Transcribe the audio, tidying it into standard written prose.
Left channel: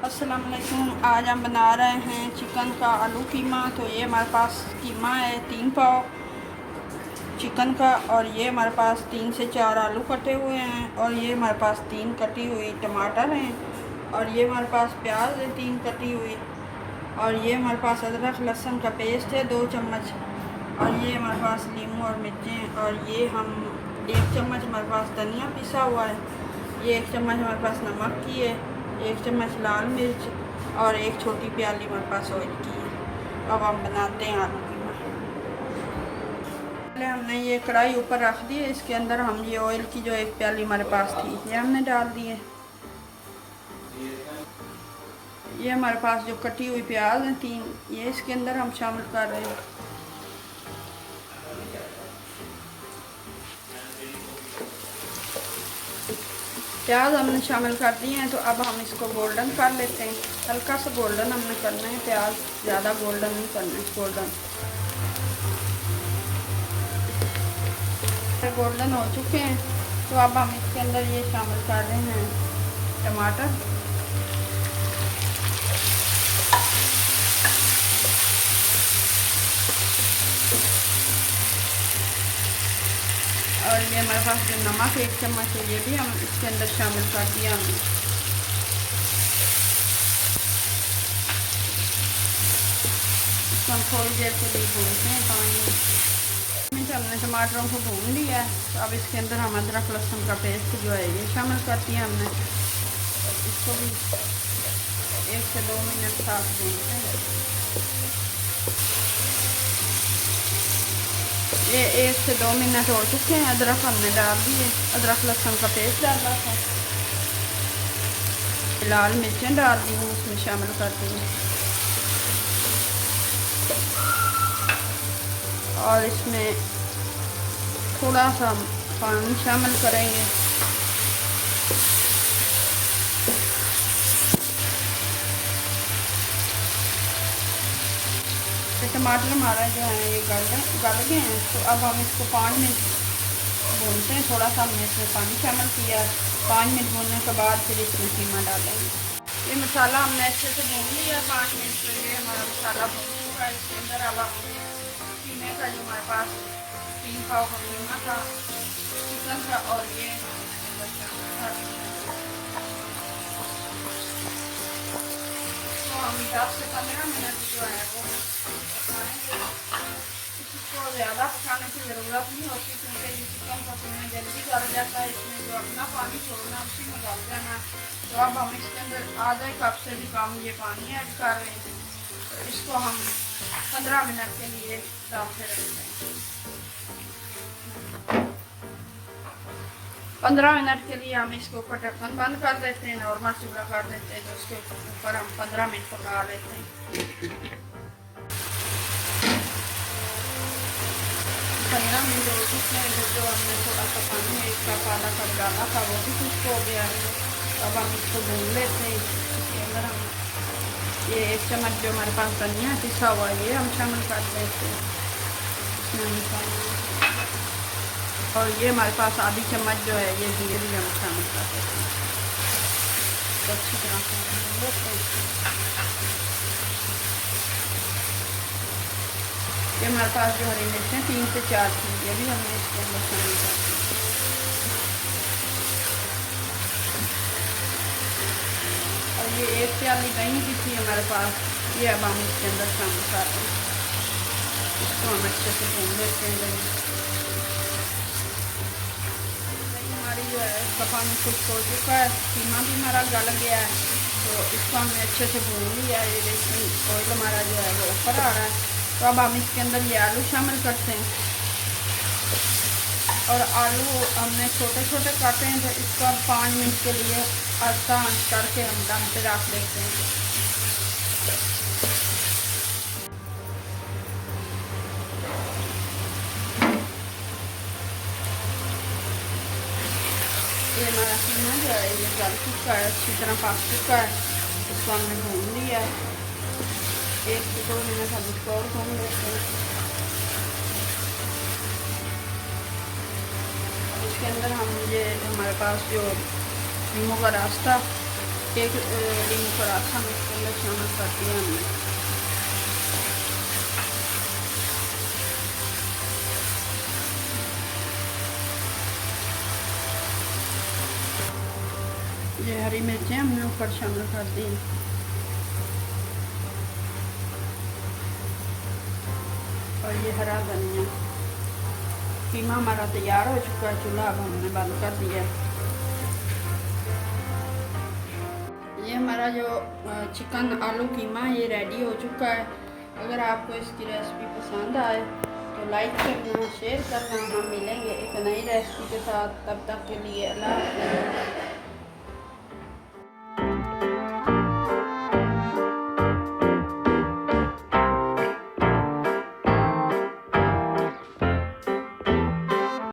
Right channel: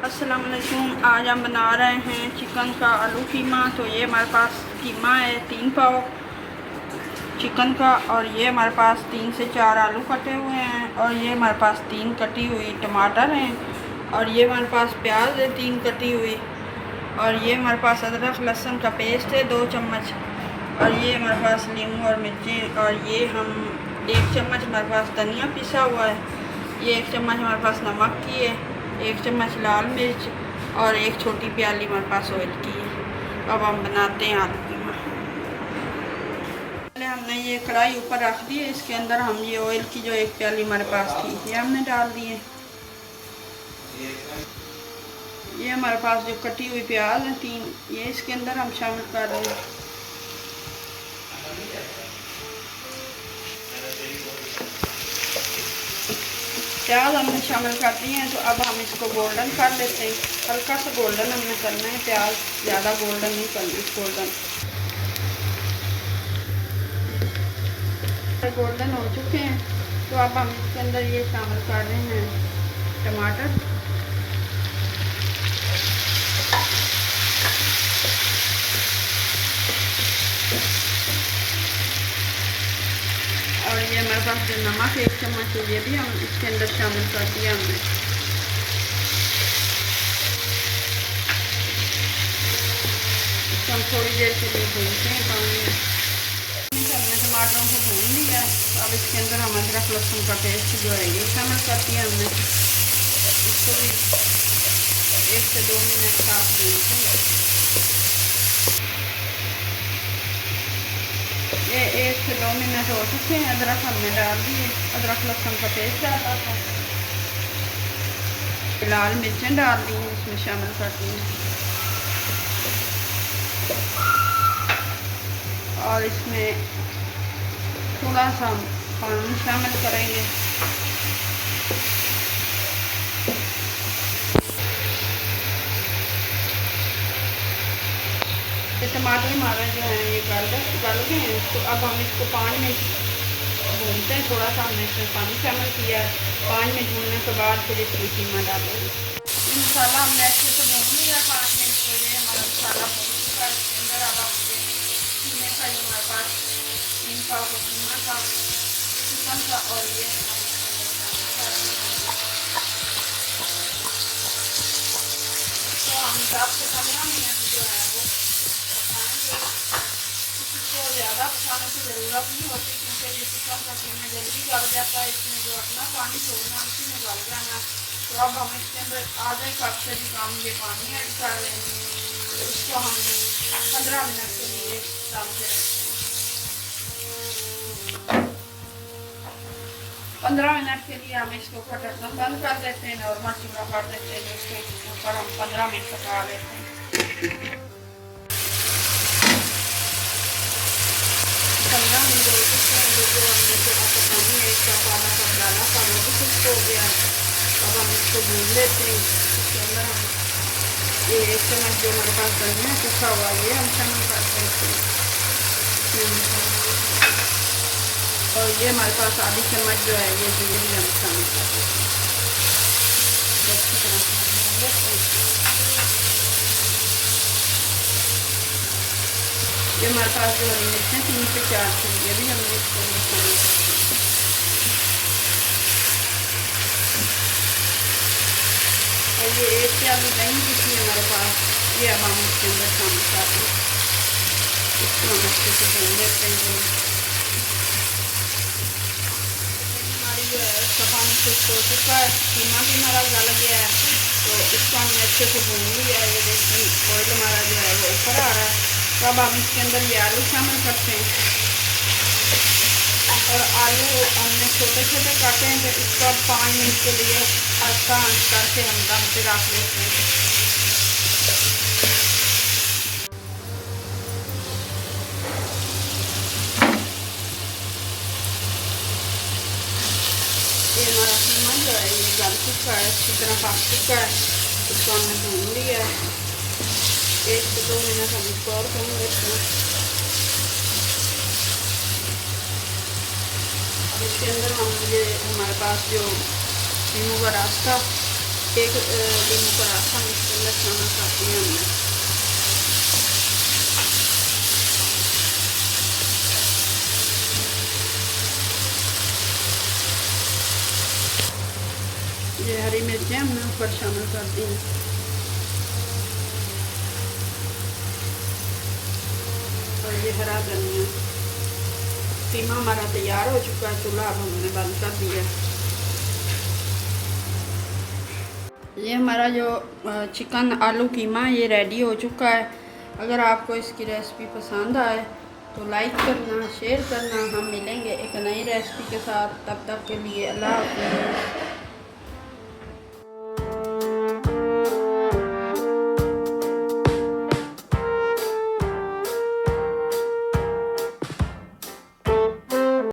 अस्सलाम वालेकुम। आज हम बना रहे हैं चिकन का आलू कीमा। तो ये हमारे पास कीमा है 3 पाव चिकन का, और ये हमारे पास 3 से 4 आलू कटे हुए हैं, और ये हमारे पास 3 कटी हुई टमाटर हैं, और ये हमारे पास प्याज है 3 कटी हुई, और ये हमारे पास अदरक लहसुन का पेस्ट है 2 चम्मच, और ये हमारे पास नींबू और मिर्चें, और ये हम 1 चम्मच हमारे पास धनिया पिसा हुआ है, ये 1 चम्मच हमारे पास नमक की है, 1 चम्मच लाल मिर्च, और 1 छोटी प्याली हमारे पास ऑयल की है। अब हम बनाते हैं आलू कीमा। पहले हमने ये कढ़ाई ऊपर रख दी है, इसके अंदर हम ये ऑयल की जो 1 प्याली हमारे पास थी ये हमने डाल दी है। ये हमारे पास जो कटी हुई प्याज है 3, ये इसके अंदर हम शामिल कर रहे हैं। प्याज हमने शामिल कर दिए हैं, तो अब हम इसको गोल्डन कर लेते हैं। हल्का सा गोल्डन हमें करना है प्याज, ज़्यादा गोल्डन नहीं करनी। गोल्डन हो चुके हैं, तो अब हम इसके अंदर ये शामिल कर रहे हैं टमाटर। और ये मेरे पास जो नमक 1 चम्मच है, ये भी हम इसके अंदर शामिल कर दिया हमने। इसको हम थोड़ी देर के लिए भूनते हैं पानी में। हमने टमाटरों को भून लिया, तो अब इसके अंदर हम अदरक लहसुन का पेस्ट जो है ये शामिल कर दिया हमने। इसको भी 1 से 2 मिनट साथ भूनते हैं। ये 1 से 2 मिनट हो चुके हैं। अदरक हमने डाल दिए, अदरक लहसुन का पेस्ट डाला था, लाल मिर्चें डाल दी हैं, इसमें शामिल कर दी हैं, और इसमें थोड़ा सा पानी शामिल करेंगे। टमाटर हमारा जो है ये गल गए हैं, तो अब हम इसको 5 मिनट भूनते हैं। थोड़ा सा हमने इसमें पानी शामिल किया। 5 मिनट भूनने के बाद फिर इसमें कीमा डालेंगे। ये मसाला हमने अच्छे से भून लिया 5 मिनट के लिए। हमारा मसाला भून चुका है। इसके अंदर अब कीमे का जो हमारे पास 3 पाव का कीमा था चिकन का, और ये तो हम 10 से 15 मिनट जो है वो इसको ज़्यादा पकाने की ज़रूरत नहीं होती, क्योंकि ये चिकन का कीमा जल्दी गल जाता है। इसमें जो अपना पानी छोड़ना उसी में गल जाना। तो अब हम इसके अंदर आधे कप से भी कम ये पानी ऐड कर रहे हैं। तो इसको हम 15 मिनट के लिए दम पे रखते हैं। 15 मिनट के लिए हम इसको ऊपर ढक्कन बंद कर देते हैं, नॉर्मल चूल्हा कर देते हैं, उसके ऊपर हम 15 मिनट पका लेते हैं। 15 मिनट हो चुके हैं। जो हमने थोड़ा सा पानी 1 कप आधा कप डाला था वो भी कुछ हो गया। अब हम इसको भून लेते हैं। इसके अंदर हम ये 1 चम्मच जो हमारे पास धनिया पिसा हुआ ये हम शामिल कर देते हैं, और ये हमारे पास आधी चम्मच जो है ये जीरे भी हम शामिल कर देते हैं। अच्छी तरह से भून लेते हैं। ये हमारे पास जो हरी मिर्चें 3 से 4 थी, ये भी हमने इसके अंदर शामिल कर दी। और ये 1 प्याली दही की थी हमारे पास, ये अब हम इसके अंदर शामिल कर दें। इसको हम अच्छे से भून लेते हैं। हमारी जो है उसका पानी खुश्क हो चुका है, कीमा भी हमारा गल गया है, तो इसको हमने अच्छे से भून लिया है। ये देखिए ऑयल हमारा जो है वो ऊपर आ रहा है। तो अब हम इसके अंदर ये आलू शामिल करते हैं, और आलू हमने छोटे छोटे काटे हैं, तो इसको 5 मिनट के लिए अच्छा आंच करके हम दम पे रख देते हैं। ये हमारा कीमा जो है ये गल चुका है, अच्छी तरह पक चुका है। इसको हमने भून लिया है। 1 से 2 मिनट हम इसको और भून लेते हैं। इसके अंदर हम ये हमारे पास जो नींबू का रस था एक नींबू पराठा में इसके अंदर शामिल कर दिया हमने। ये हरी मिर्चें हमने ऊपर शामिल कर दी। और ये हरा धनिया। कीमा हमारा तैयार हो चुका है। चूल्हा अब हमने बंद कर दिया। ये हमारा जो चिकन आलू कीमा ये रेडी हो चुका है। अगर आपको इसकी रेसिपी पसंद आए तो लाइक करना, शेयर करना। हम मिलेंगे एक नई रेसिपी के साथ। तब तक के लिए अल्लाह हाफ़िज़।